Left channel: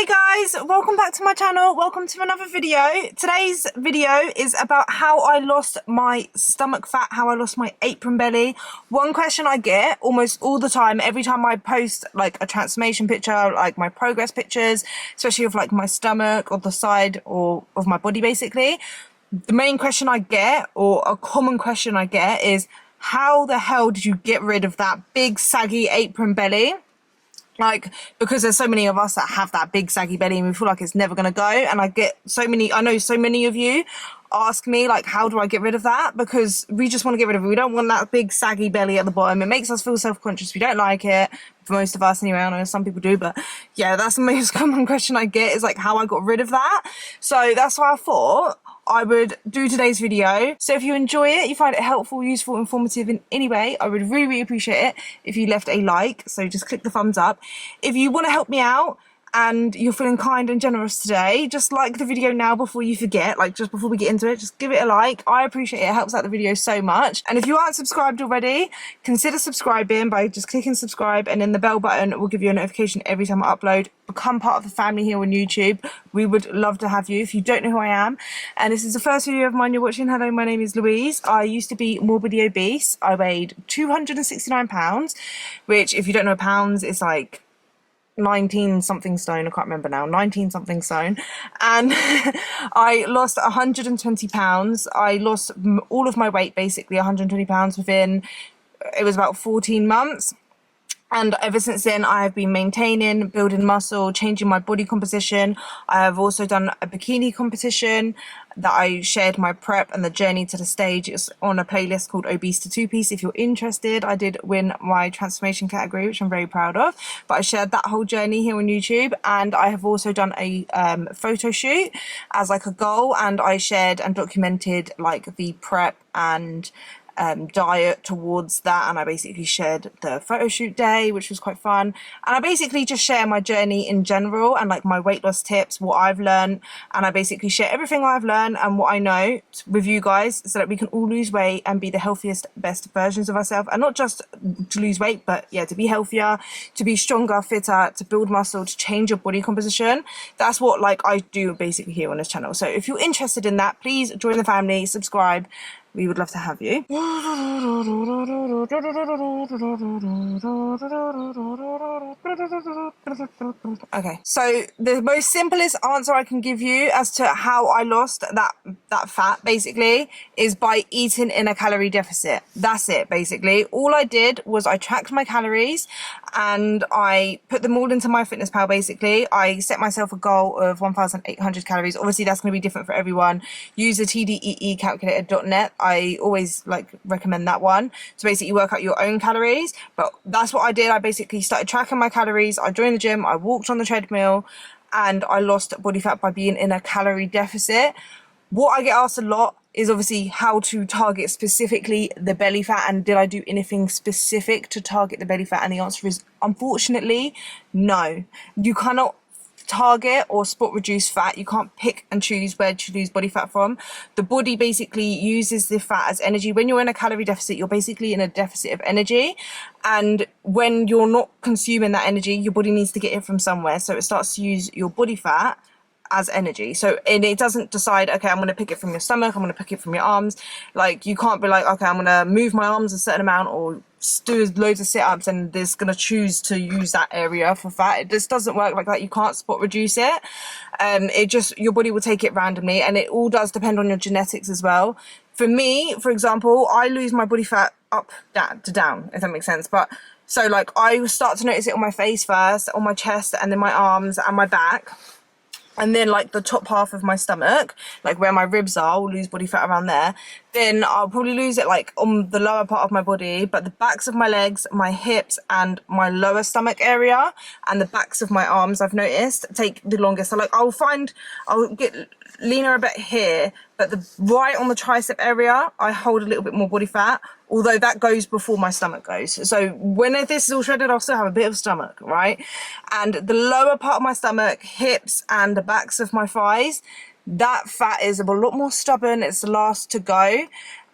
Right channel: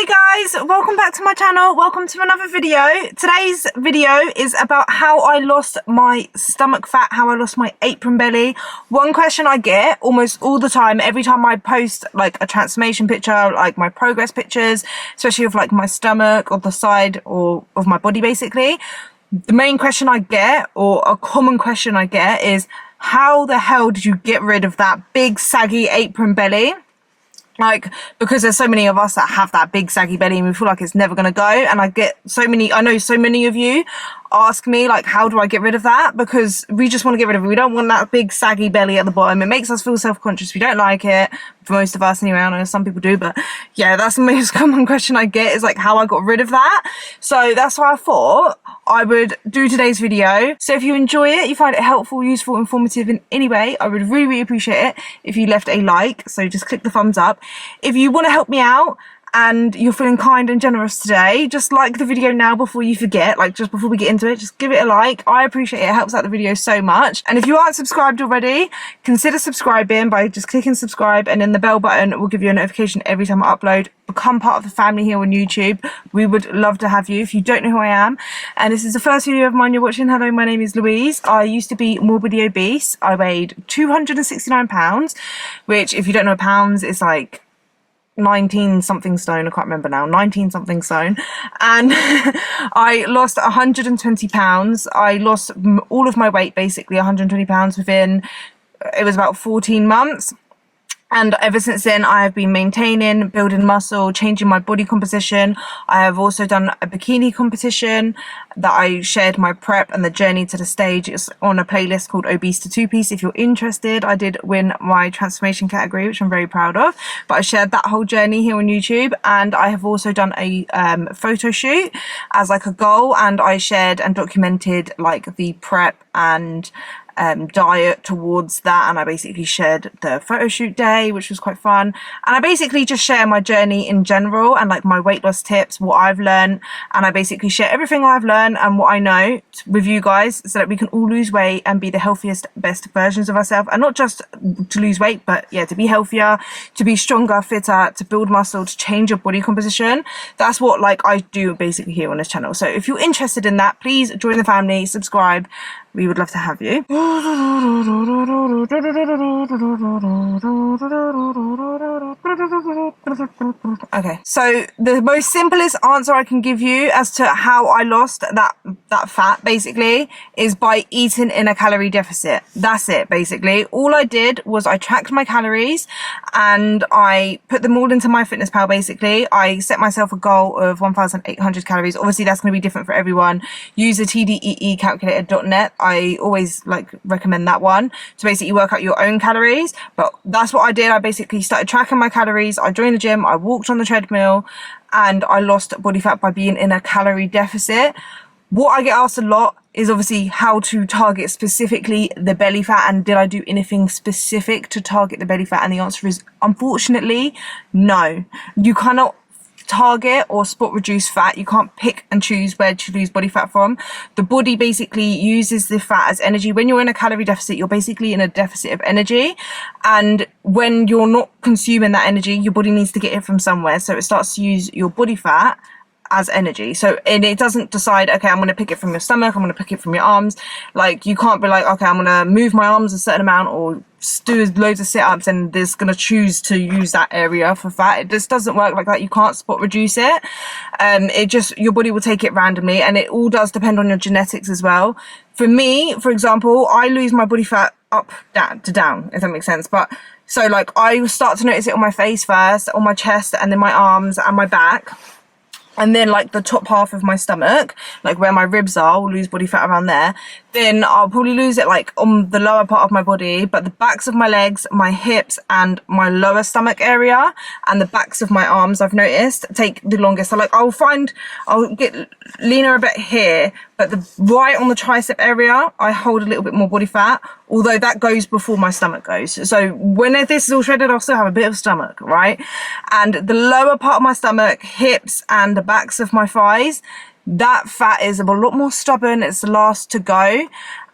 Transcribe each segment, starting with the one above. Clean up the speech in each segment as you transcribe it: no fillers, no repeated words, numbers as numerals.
Hey guys, welcome back to my channel. Welcome to another video. Today's video is about how I lost my stomach fat, how I lost my apron belly. One question I get almost all the time, every time I post like a transformation picture, like my progress pictures, especially of like my stomach or the side or of my body basically. The main question I get, or a common question I get, is how the hell did you get rid of that big saggy apron belly? Like, because there's so many of us that have that big saggy belly and we feel like it's never going to go. And I know so many of you ask me, like, how do I get rid of that? Because we just want to get rid of it. We don't want that big saggy belly at the bottom. It makes us feel self-conscious. We don't like it. For most of us anyway. I know some people do, but yeah, that's the most common question I get, is like how I got rid of that. So that's why I thought I would do today's video. So if you enjoy it, you find it helpful, useful, informative in any way, I would really, really appreciate it if you left a like. So just click the thumbs up. If you want to help me out and you're feeling kind and generous today, just like the video now before you forget, like just before we get into it, just give it a like. I appreciate it. It helps out the video so much. And if you aren't subscribed already, consider subscribing by just clicking subscribe, and then the bell button will give you a notification every time I upload. Become part of the family here on YouTube. We would love to have you. If you don't know who I am and this is the first video of mine you're watching, hello, my name is Louise. I used to be morbidly obese. I weighed 269 pounds, which, if you don't know pounds, is like 19 something stone. I can't remember now, 19 something stone. And I lost 120 pounds. I lost all of my weight, basically 120 pounds within, it was about 14 months. And ever since then, I have been maintaining, building muscle, changing my body composition. I have also done a bikini competition that I shared my prep and the journey to the stage. It's on a playlist called Obese to Two-Piece. If you're interested, I did win my transformation category, which I'm very proud of. But I shared that whole journey here on YouTube. And I have also done a photo shoot as like a goal. And I shared and documented like the prep and diet towards that, and I basically shared the photo shoot day, which was quite fun. And I basically just share my journey in general and like my weight loss tips, what I've learned, and I basically share everything I've learned and what I know with you guys, so that we can all lose weight and be the healthiest, best versions of ourselves. And not just to lose weight, but yeah, to be healthier, to be stronger, fitter, to build muscle, to change your body composition. That's what like I do basically here on this channel. So if you're interested in that, please join the family, subscribe. We would love to have you. Okay, so the most simplest answer I can give you as to how I lost that fat basically is by eating in a calorie deficit. That's it basically. All I did was I tracked my calories and I put them all into MyFitnessPal basically. I set myself a goal of 1,800 calories. Obviously that's going to be different for everyone. Use the tdeecalculator.net. I always like recommend that one to basically work out your own calories, but that's what I did. I basically started tracking my calories. I joined the gym, I walked on the treadmill, and I lost body fat by being in a calorie deficit. What I get asked a lot is obviously how to target specifically the belly fat, and did I do anything specific to target the belly fat? And the answer is unfortunately no. You cannot target or spot reduce fat. You can't pick and choose where to lose body fat from. The body basically uses the fat as energy. When you're in a calorie deficit, you're basically in a deficit of energy, and when you're not consuming that energy, your body needs to get it from somewhere, so it starts to use your body fat as energy. So, and it doesn't decide, okay, I'm going to pick it from your stomach, I'm going to pick it from your arms. Like, you can't be like, okay, I'm going to move my arms a certain amount or do loads of sit-ups and there's going to choose to use that area for fat. It just doesn't work like that. You can't spot reduce it. It just, your body will take it randomly, and it all does depend on your genetics as well. For me, for example, I lose my body fat up, down, if that makes sense. But so like I start to notice it on my face first, on my chest, and then my arms and my back. And then like the top half of my stomach, like where my ribs are, I'll lose body fat around there. Then I'll probably lose it like on the lower part of my body, but the backs of my legs, my hips, and my lower stomach area, and the backs of my arms, I've noticed, take the longest. So like I'll get leaner a bit here, but right on the tricep area, I hold a little bit more body fat, although that goes before my stomach goes. So when this is all shredded, I'll still have a bit of stomach, right? And the lower part of my stomach, hips, and the backs of my thighs, that fat is a lot more stubborn. It's the last to go.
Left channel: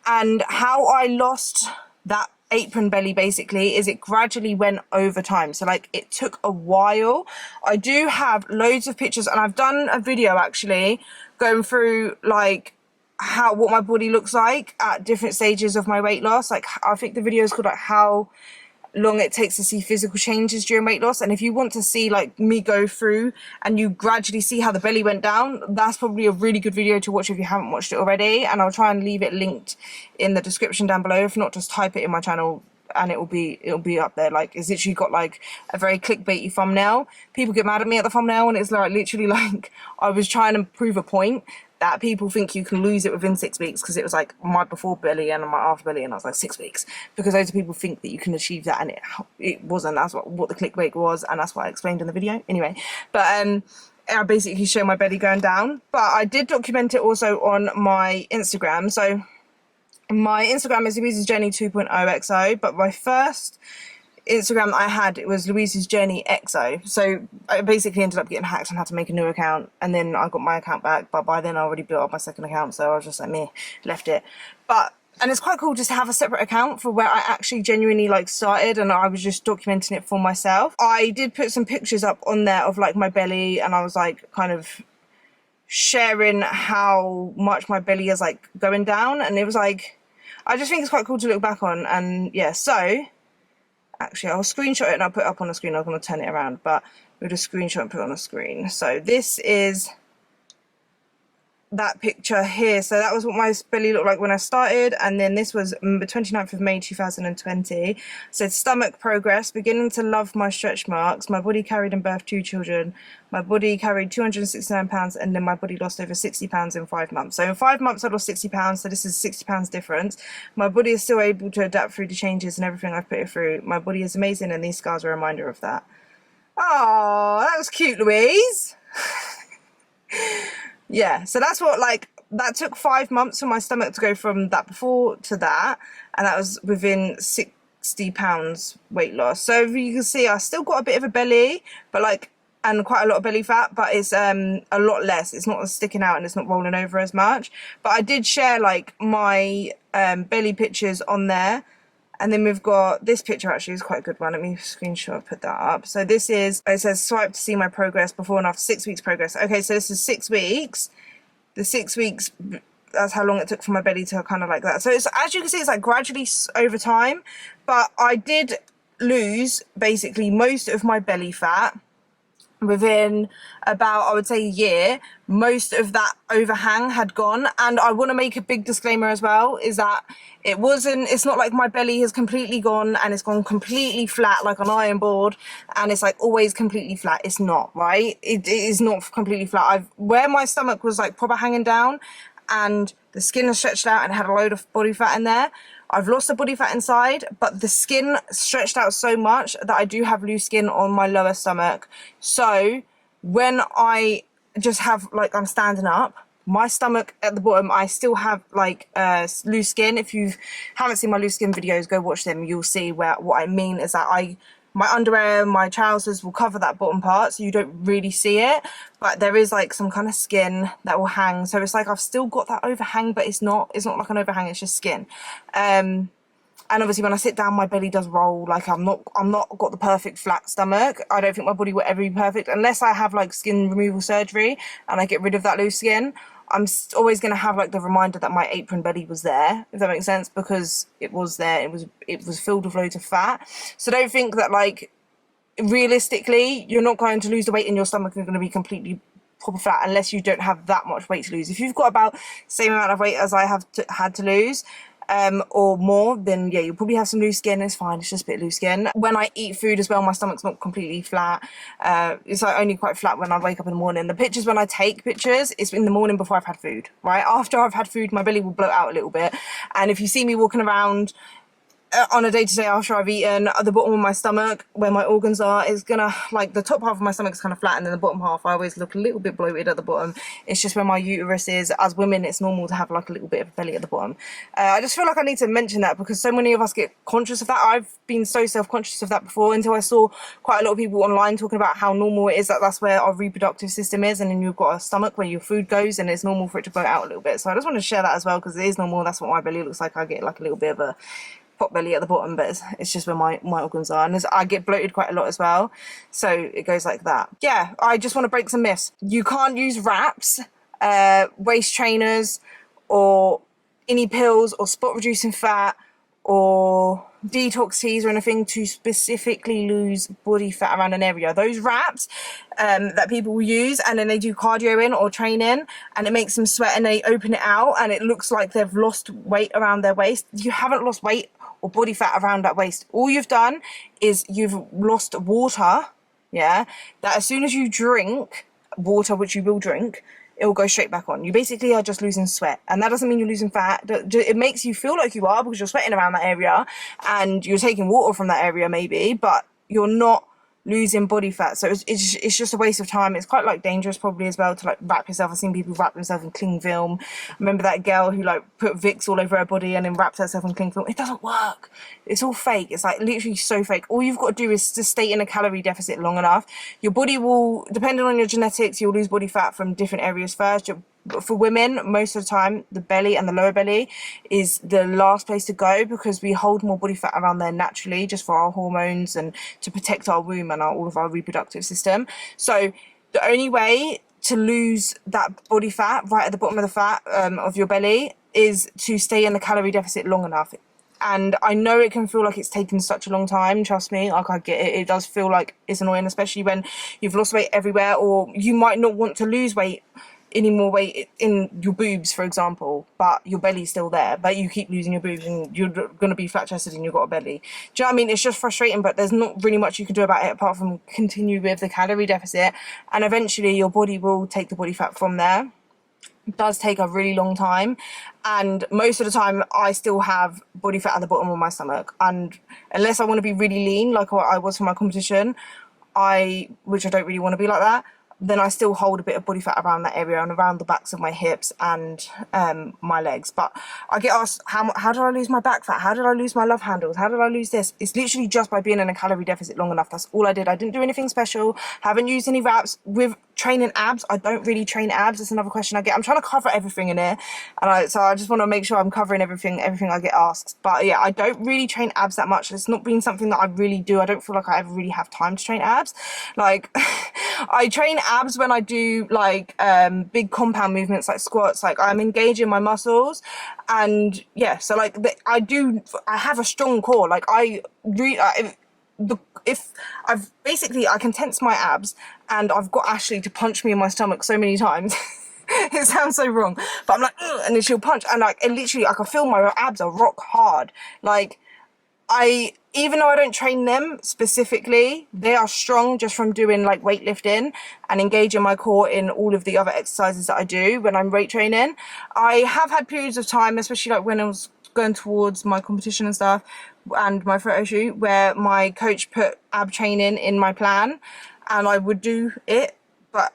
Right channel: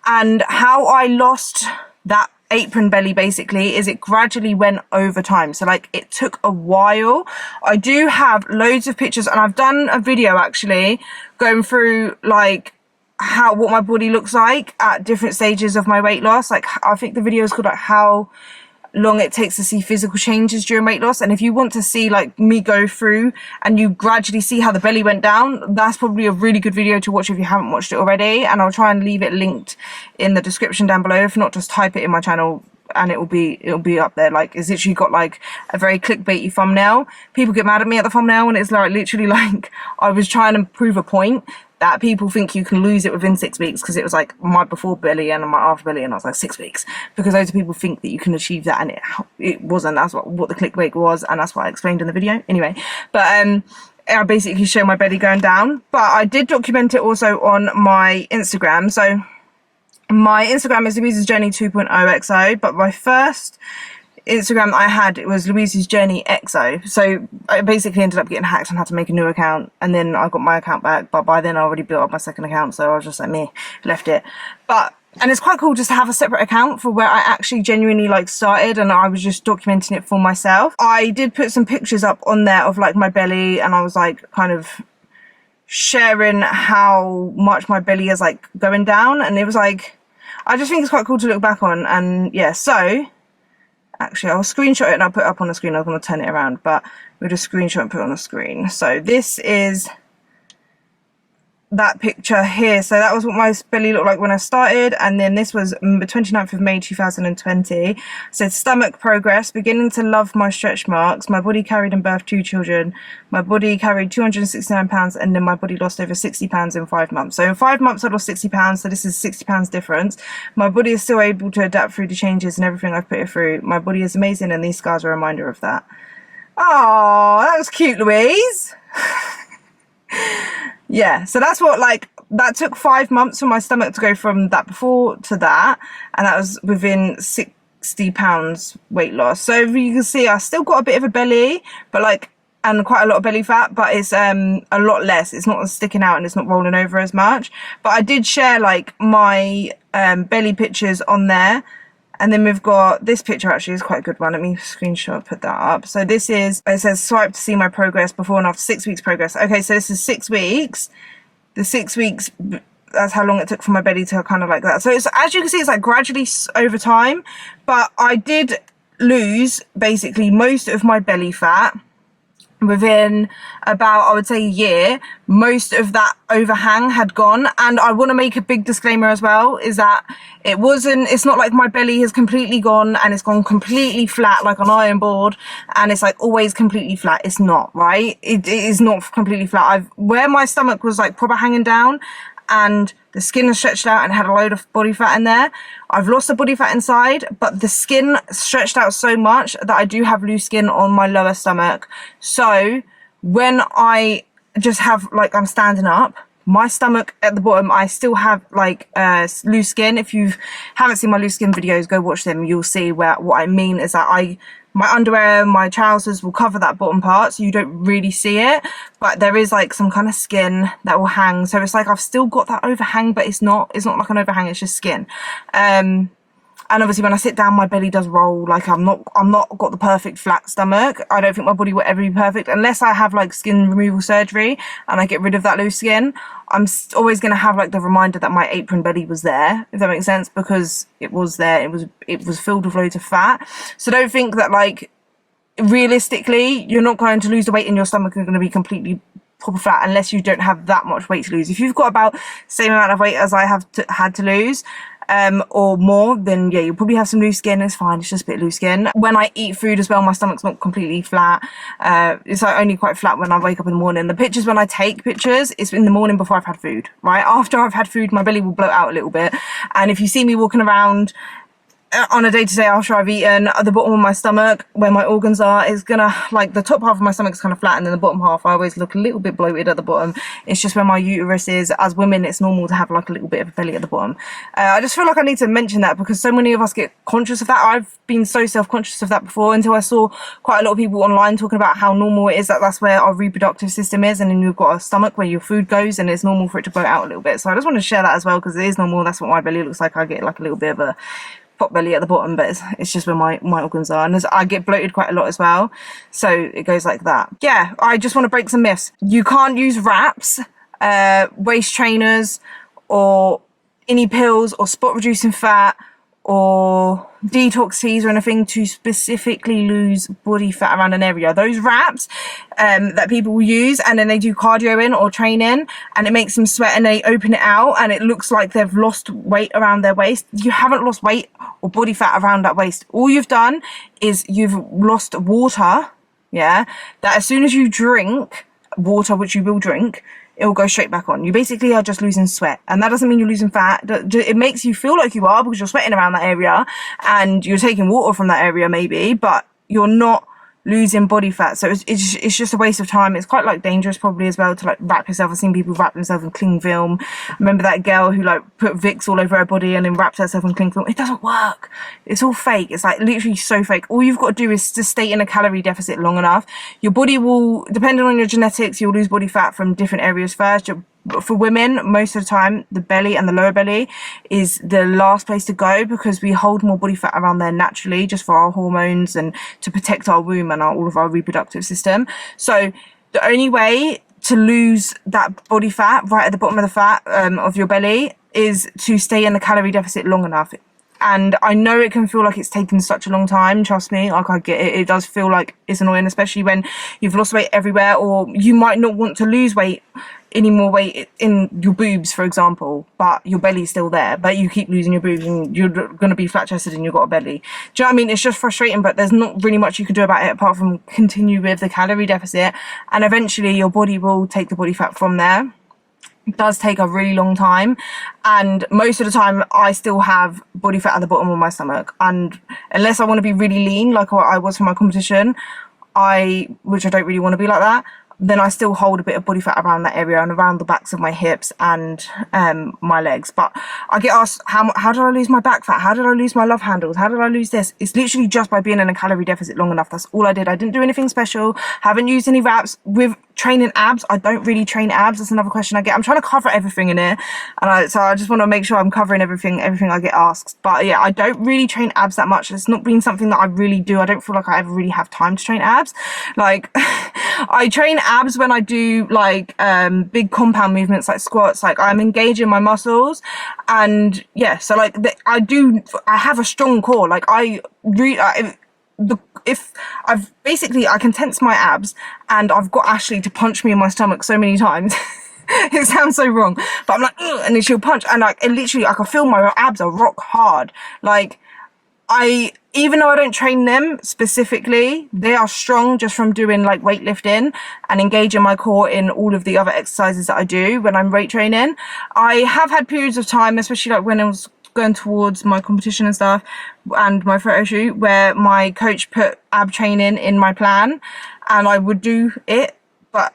And how I lost that apron belly basically is it gradually went over time. So like it took a while. I do have loads of pictures, and I've done a video actually going through like what my body looks like at different stages of my weight loss. Like I think the video is called like how long it takes to see physical changes during weight loss. And if you want to see like me go through and you gradually see how the belly went down, that's probably a really good video to watch if you haven't watched it already. And I'll try and leave it linked in the description down below. If not, just type it in my channel and it'll be up there. Like it's literally got like a very clickbaity thumbnail. People get mad at me at the thumbnail, and it's like literally like I was trying to prove a point that people think you can lose it within 6 weeks, because it was like my before belly and my after belly, and I was like 6 weeks, because loads of people think that you can achieve that, and it wasn't. That's what the clickbait was, and that's what I explained in the video anyway. But I basically show my belly going down, but I did document it also on my Instagram. So my Instagram is Louise's Journey 2.0 XO, but my first Instagram that I had, it was Louise's Journey XO. So I basically ended up getting hacked and had to make a new account, and then I got my account back, but by then I already built up my second account, so I was just like left it. And it's quite cool just to have a separate account for where I actually genuinely like started, and I was just documenting it for myself. I did put some pictures up on there of like my belly, and I was like kind of sharing how much my belly is like going down, and it was like, I just think it's quite cool to look back on. And yeah, so actually I'll screenshot it and I'll put it up on the screen. I was going to turn it around, but we'll just screenshot and put it on the screen. So this is that picture here. So that was what my belly looked like when I started, and then this was the 29th of May 2020. So stomach progress, beginning to love my stretch marks. My body carried and birthed 2 children. My body carried 269 pounds, and then my body lost over 60 pounds in 5 months. So in 5 months I lost 60 pounds, so this is 60 pounds difference. My body is still able to adapt through the changes and everything I've put it through. My body is amazing, and these scars are a reminder of that. Oh, that was cute, Louise. Yeah, so that's what, like, that took 5 months for my stomach to go from that before to that, and that was within 60 pounds weight loss. So if you can see, I still got a bit of a belly, but like, and quite a lot of belly fat, but it's a lot less. It's not sticking out and it's not rolling over as much. But I did share like my belly pictures on there. And then we've got this picture, actually is quite a good one. Let me screenshot, put that up. So this is, it says swipe to see my progress before and after 6 weeks progress. Okay, so this is 6 weeks. The 6 weeks, that's how long it took for my belly to kind of like that. So it's, as you can see, it's like gradually over time. But I did lose basically most of my belly fat within about, I would say, a year. Most of that overhang had gone. And I want to make a big disclaimer as well, is that it's not like my belly has completely gone and it's gone completely flat like an iron board and it's like always completely flat. It's not, right? It is not completely flat. Where my stomach was like proper hanging down and the skin has stretched out and had a load of body fat in there, I've lost the body fat inside, but the skin stretched out so much that I do have loose skin on my lower stomach. So when I just have, like, I'm standing up, my stomach at the bottom, I still have like loose skin. If you haven't seen my loose skin videos, go watch them. You'll see what I mean is that my underwear, my trousers will cover that bottom part, so you don't really see it, but there is like some kind of skin that will hang. So it's like I've still got that overhang, but it's not like an overhang, it's just skin. And obviously when I sit down, my belly does roll. Like I'm not got the perfect flat stomach. I don't think my body will ever be perfect unless I have like skin removal surgery and I get rid of that loose skin. I'm always going to have like the reminder that my apron belly was there, if that makes sense, because it was there. It was filled with loads of fat. So don't think that like realistically you're not going to lose the weight in your stomach and going to be completely proper flat unless you don't have that much weight to lose. If you've got about the same amount of weight as I have had to lose, or more, then yeah, you'll probably have some loose skin. It's fine, it's just a bit loose skin. When I eat food as well, my stomach's not completely flat. It's like only quite flat when I wake up in the morning. The pictures, when I take pictures, it's in the morning before I've had food, right? After I've had food, my belly will bloat out a little bit. And if you see me walking around on a day-to-day after I've eaten, at the bottom of my stomach where my organs are is gonna, like, the top half of my stomach is kind of flat, and then the bottom half I always look a little bit bloated at the bottom. It's just where my uterus is. As women, it's normal to have like a little bit of a belly at the bottom. I just feel like I need to mention that because so many of us get conscious of that. I've been so self-conscious of that before until I saw quite a lot of people online talking about how normal it is that that's where our reproductive system is, and then you've got a stomach where your food goes and it's normal for it to bloat out a little bit. So I just want to share that as well because it is normal. That's what my belly looks like. I get like a little bit of a pot belly at the bottom, but it's just where my organs are, and I get bloated quite a lot as well, so it goes like that. Yeah, I just want to break some myths. You can't use wraps, waist trainers, or any pills or spot reducing fat or detox teas or anything to specifically lose body fat around an area. Those wraps that people will use, and then they do cardio in or training, and it makes them sweat, and they open it out and it looks like they've lost weight around their waist. You haven't lost weight or body fat around that waist. All you've done is you've lost water, yeah, that as soon as you drink water, which you will drink, it will go straight back on. You basically are just losing sweat, and that doesn't mean you're losing fat. It makes you feel like you are because you're sweating around that area and you're taking water from that area maybe, but you're not losing body fat. So it's just a waste of time. It's quite like dangerous probably as well to like wrap yourself. I've seen people wrap themselves in cling film. Remember that girl who like put Vicks all over her body and then wrapped herself in cling film? It doesn't work. It's all fake. It's like literally so fake. All you've got to do is to stay in a calorie deficit long enough. Your body will, depending on your genetics, you'll lose body fat from different areas first. For women, most of the time, the belly and the lower belly is the last place to go because we hold more body fat around there naturally just for our hormones and to protect our womb and all of our reproductive system. So the only way to lose that body fat right at the bottom of the fat of your belly is to stay in the calorie deficit long enough. And I know it can feel like it's taken such a long time, trust me, like I get it. It does feel like it's annoying, especially when you've lost weight everywhere, or you might not want to lose weight, any more weight in your boobs, for example, but your belly's still there, but you keep losing your boobs and you're going to be flat-chested and you've got a belly. Do you know what I mean? It's just frustrating, but there's not really much you can do about it apart from continue with the calorie deficit, and eventually your body will take the body fat from there. It does take a really long time, and most of the time I still have body fat at the bottom of my stomach, and unless I want to be really lean like what I was for my competition, which I don't really want to be like that, then I still hold a bit of body fat around that area and around the backs of my hips and my legs. But I get asked, how did I lose my back fat? How did I lose my love handles? How did I lose this? It's literally just by being in a calorie deficit long enough. That's all I did. I didn't do anything special. Haven't used any wraps. With training abs, I don't really train abs. That's another question I get. I'm trying to cover everything in here, and so I just want to make sure I'm covering everything I get asked. But yeah, I don't really train abs that much. It's not been something that I really do. I don't feel like I ever really have time to train abs. Like I train abs when I do like big compound movements like squats. Like I'm engaging my muscles, and yeah, so like I have a strong core. Like I can tense my abs, and I've got Ashley to punch me in my stomach so many times. It sounds so wrong, but I'm like, ugh, and then she'll punch, and like it literally, I can feel my abs are rock hard. Like even though I don't train them specifically, they are strong just from doing like weightlifting and engaging my core in all of the other exercises that I do when I'm weight training. I have had periods of time, especially like when I was going towards my competition and stuff and my photo shoot, where my coach put ab training in my plan and I would do it, but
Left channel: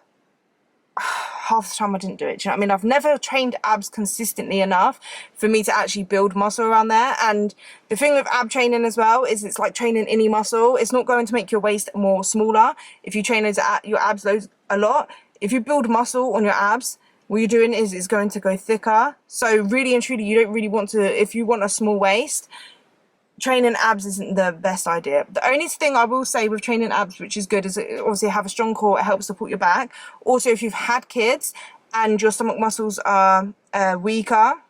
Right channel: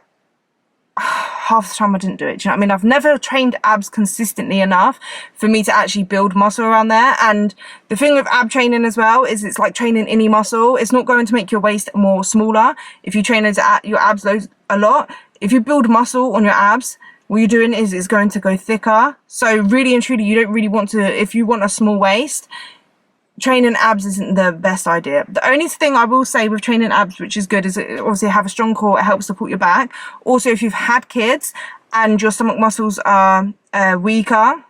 half the time I didn't do it. Do you know what I mean? I've never trained abs consistently enough for me to actually build muscle around there. And the thing with ab training as well is it's like training any muscle. It's not going to make your waist more smaller if you train your abs a lot. If you build muscle on your abs, what you're doing is it's going to go thicker. So really and truly, you don't really want to, if you want a small waist, training abs isn't the best idea. The only thing I will say with training abs, which is good, is obviously have a strong core. It helps support your back. Also, if you've had kids and your stomach muscles are weaker,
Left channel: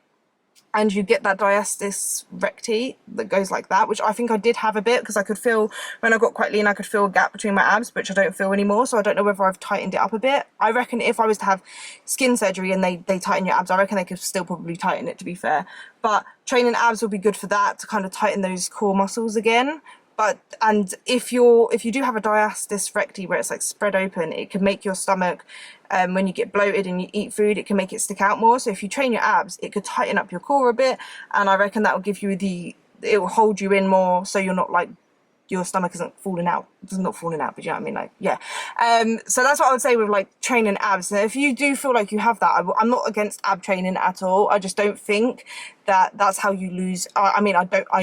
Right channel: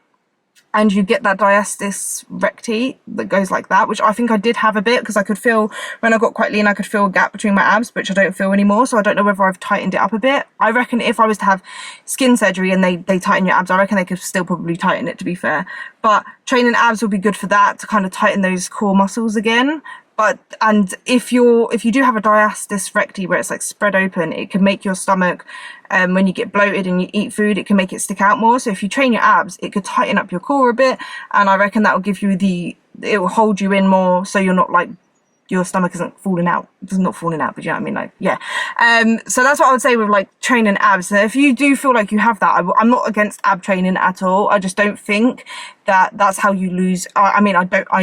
and you get that diastasis recti that goes like that, which I think I did have a bit, because I could feel, when I got quite lean, I could feel a gap between my abs, which I don't feel anymore. So I don't know whether I've tightened it up a bit. I reckon if I was to have skin surgery and they tighten your abs, I reckon they could still probably tighten it, to be fair. But training abs will be good for that, to kind of tighten those core muscles again. And if you do have a diastasis recti where it's like spread open, it can make your stomach, when you get bloated and you eat food, it can make it stick out more. So if you train your abs, it could tighten up your core a bit, and I reckon that will give you it will hold you in more, so you're not like, your stomach isn't falling out. It's not falling out, but you know what I mean? Like, yeah. So that's what I would say with like training abs. So if you do feel like you have that, I'm not against ab training at all. I just don't think that that's how you lose. I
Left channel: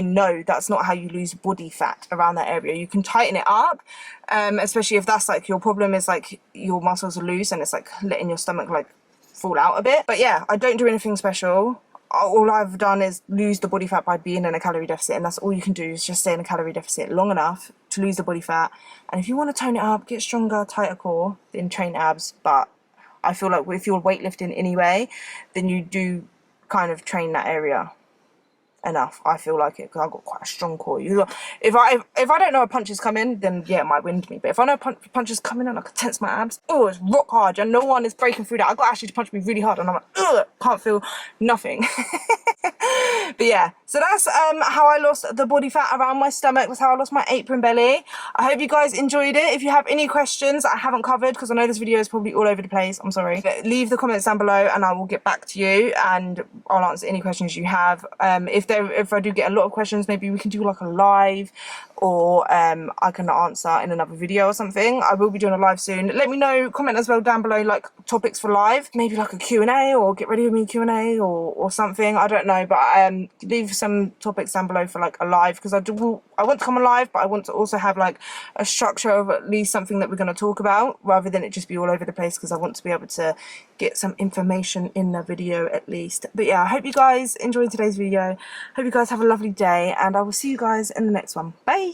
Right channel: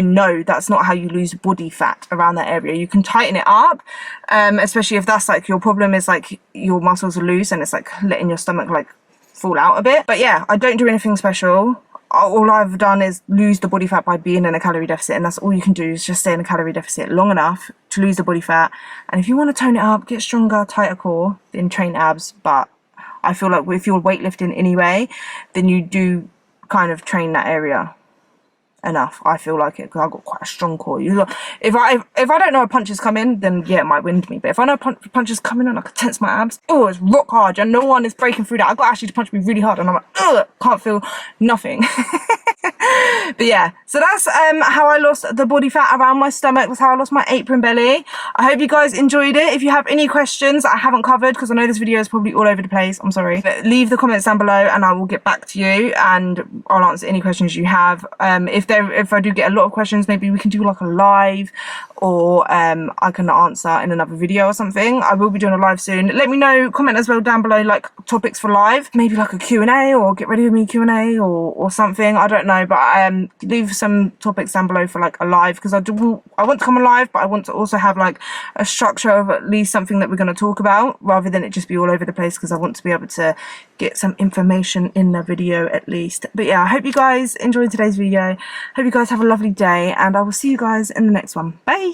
know that's not how you lose body fat around that area. You can tighten it up, especially if that's like your problem is like your muscles are loose and it's like letting your stomach like fall out a bit. But yeah, I don't do anything special. all I've done is lose the body fat by being in a calorie deficit, and that's all you can do is just stay in a calorie deficit long enough to lose the body fat. And if you want to tone it up, get stronger, tighter core, then train abs. But I feel like if you're weightlifting anyway, then you do kind of train that area enough. I feel like it, because I've got quite a strong core. If I don't know a punch is coming, then yeah, it might wind me. But if I know a punch is coming and I can tense my abs, oh, it's rock hard and no one is breaking through that. I got Ashley to punch me really hard and I'm like, ugh, can't feel nothing. But yeah, so that's how I lost the body fat around my stomach. That's how I lost my apron belly. I hope you guys enjoyed it. If you have any questions that I haven't covered, because I know this video is probably all over the place, I'm sorry, but leave the comments down below and I will get back to you and I'll answer any questions you have. If I do get a lot of questions, maybe we can do like a live, or I can answer in another video or something. I will be doing a live soon. Let me know, comment as well down below, like topics for live, maybe like a Q&A or get ready with me Q&A or something. I don't know, but leave some topics down below for like a live, because I want to come on live, but I want to also have like a structure of at least something that we're going to talk about, rather than it just be all over the place, because I want to be able to get some information in the video at least. But yeah, I hope you guys enjoyed today's video. Hope you guys have a lovely day, and I will see you guys in the next one. Bye.